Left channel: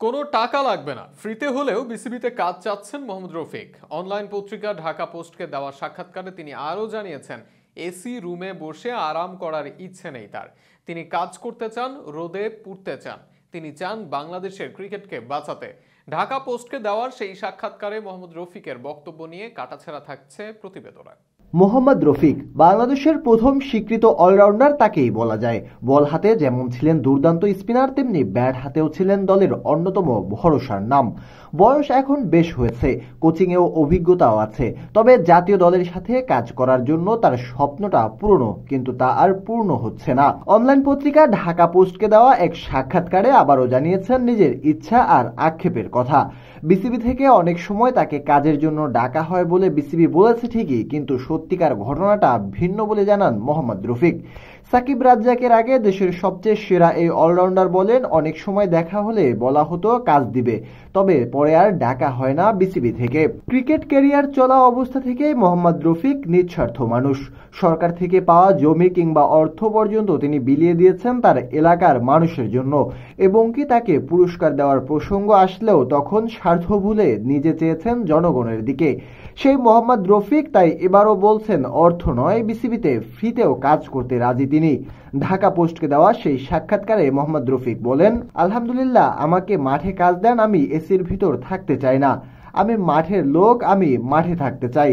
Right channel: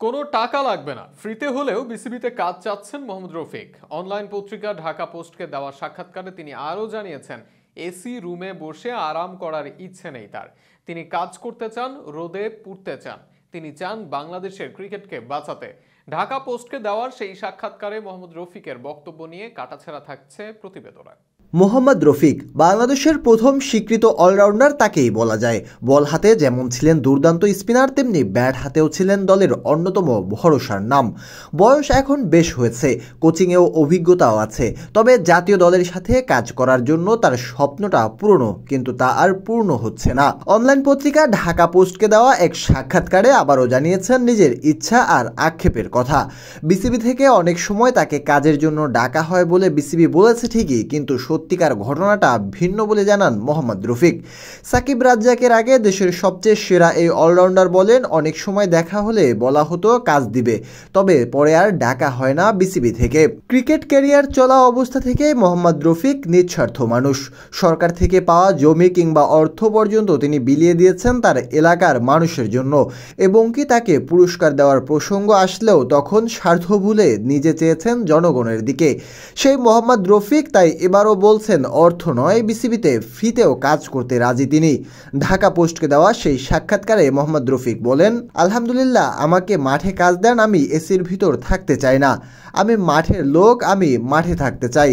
কোনো টাকা লাগবে না, ফ্রিতে হলেও বিসিবিতে কাজ চাচ্ছেন মোহাম্মদ রফিক। অনলাইন পত্রিকা ঢাকা পোস্টকে দেওয়া সাক্ষাৎকারে তিনি আরও জানিয়েছেন, এসি রুমে বসে আরাম করার ইচ্ছে নেই তার। তিনি কাজ করতে চান, রোদে পুড়তে চান। তিনি চান বাংলাদেশের ক্রিকেটকে বাঁচাতে। ঢাকা পোস্টকে দেওয়ার সেই সাক্ষাৎকারে মোহাম্মদ রফিকের বক্তব্য নিয়ে কাটাছেঁড়া থাকছে প্রতিবেদনে। মোহাম্মদ রফিক বাংলাদেশের প্রথম স্বীকৃত অলরাউন্ডার তাকেই বলা যায়। বল হাতে যেমন ছিলেন দুর্দান্ত স্পিনার, তেমনি ব্যাট হাতেও ছিলেন দলের অন্যতম ভরসার নাম। বয়স এখন বেশ হয়েছে, কোচিংয়েও অভিজ্ঞতাও আছে। তবে জাতীয় দলের সাথে কাজ করার জন্য তার স্বপ্নটা পুরনো, কিন্তু তা আর পূর্ণ হচ্ছে না। অনলাইন পত্রিকা ঢাকা পোস্টকে দেওয়া এক সাক্ষাৎকারে আবারও জানিয়েছেন নিজের ইচ্ছা আর আক্ষেপের কথা। বিসিবি থেকে অনেক সময় তাকে কাজের জন্য ডাকা হয় বলে বিসিবি বলেছে ঠিকই, কিন্তু সত্যিকার ঘটনাটা ভিন্ন বলে জানান মোহাম্মদ রফিক। সাকিব রাজ্জাকের আগে দেশের সবচেয়ে সেরা এই অলরাউন্ডার বলেন, অনেক সময় দেখা হলে বলা হতো কাজ দিবে, তবে পরে আর ডাকা হয় না বিসিবি থেকে। ক্রিকেট ক্যারিয়ার চলা অবস্থা থেকে মোহাম্মদ রফিক নিঃস্বার্থ মানুষ। সরকার থেকে পাওয়া জমি কিংবা অর্থ পর্যন্ত তিনি বিলিয়ে দিয়েছেন তার এলাকার মানুষের জন্য। এবং কি তাকে পুরস্কার দেওয়ার প্রসঙ্গ আসলেও তখন স্বার্থ ভুলে নিজে চেয়েছেন জনগণের দিকে। সেই মোহাম্মদ রফিক তাই এবারও বলছেন, অর্থ নয়, বিসিবিতে ফ্রিতেও কাজ করতে রাজি তিনি। ঢাকা পোস্টকে দেওয়া সেই সাক্ষাৎকারে মোহাম্মদ রফিক বলেন, আলহামদুলিল্লাহ, আমাকে মাঠে কাজ দেন, আমি এসির ভিতর থাকতে চাই না। আমি মাঠের লোক, আমি মাঠে থাকতে চাই।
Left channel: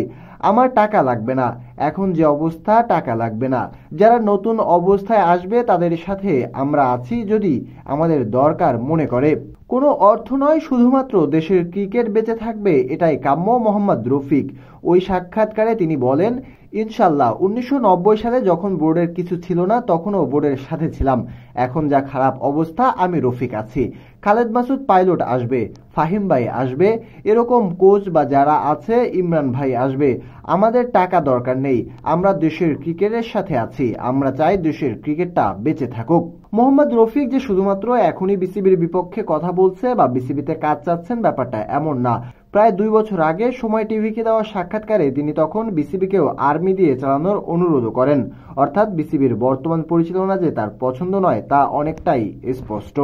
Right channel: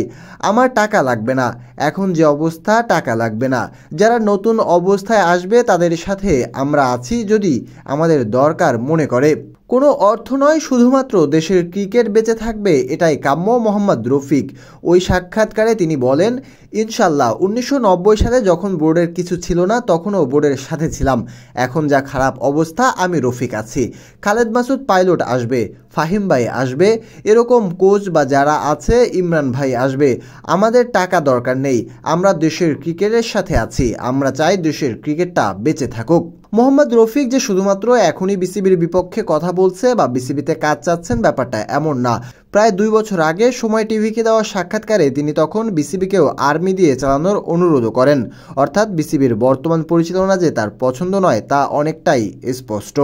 আমার টাকা লাগবে না, এখন যে অবস্থা টাকা লাগবে না। যারা নতুন অবস্থায় আসবে তাদের সাথে আমরা আছি যদি আমাদের দরকার মনে করে। কোনো অর্থ নয়, শুধুমাত্র দেশের ক্রিকেট বেঁচে থাকবে, এটাই কাম্য মোহাম্মদ রফিক। ওই সাক্ষাৎকারে তিনি বলেন, ইনশাল্লাহ 1990 সালে যখন বোর্ডের কিছু ছিল না তখনও বোর্ডের সাথে ছিলাম। এখন যা খারাপ অবস্থা, আমি রফিক আছি। খালেদ মাসুদ পাইলট আসবে, ফাহিম ভাই আসবে, এরকম কোচ বা যারা আছে, ইমরান ভাই আসবে। আমাদের টাকা দরকার নেই, আমরা দেশের ক্রিকেটের সাথে আছি। আমরা চাই দেশের ক্রিকেটটা বেঁচে থাকুক। মোহাম্মদ রফিক যে শুধুমাত্র এখনই বিসিবির বিপক্ষে কথা বলছে বা বিসিবিতে কাজ চাচ্ছেন, ব্যাপারটা এমন না। প্রায় 2 বছর আগে সময় টিভিকে দেওয়া সাক্ষাৎকারে তিনি তখন বিসিবিকেও আর্মি দিয়ে চালানোর অনুরোধ করেন। অর্থাৎ বিসিবির বর্তমান পরিচালনা যে তার পছন্দ নয়, তা অনেকটাই স্পষ্ট।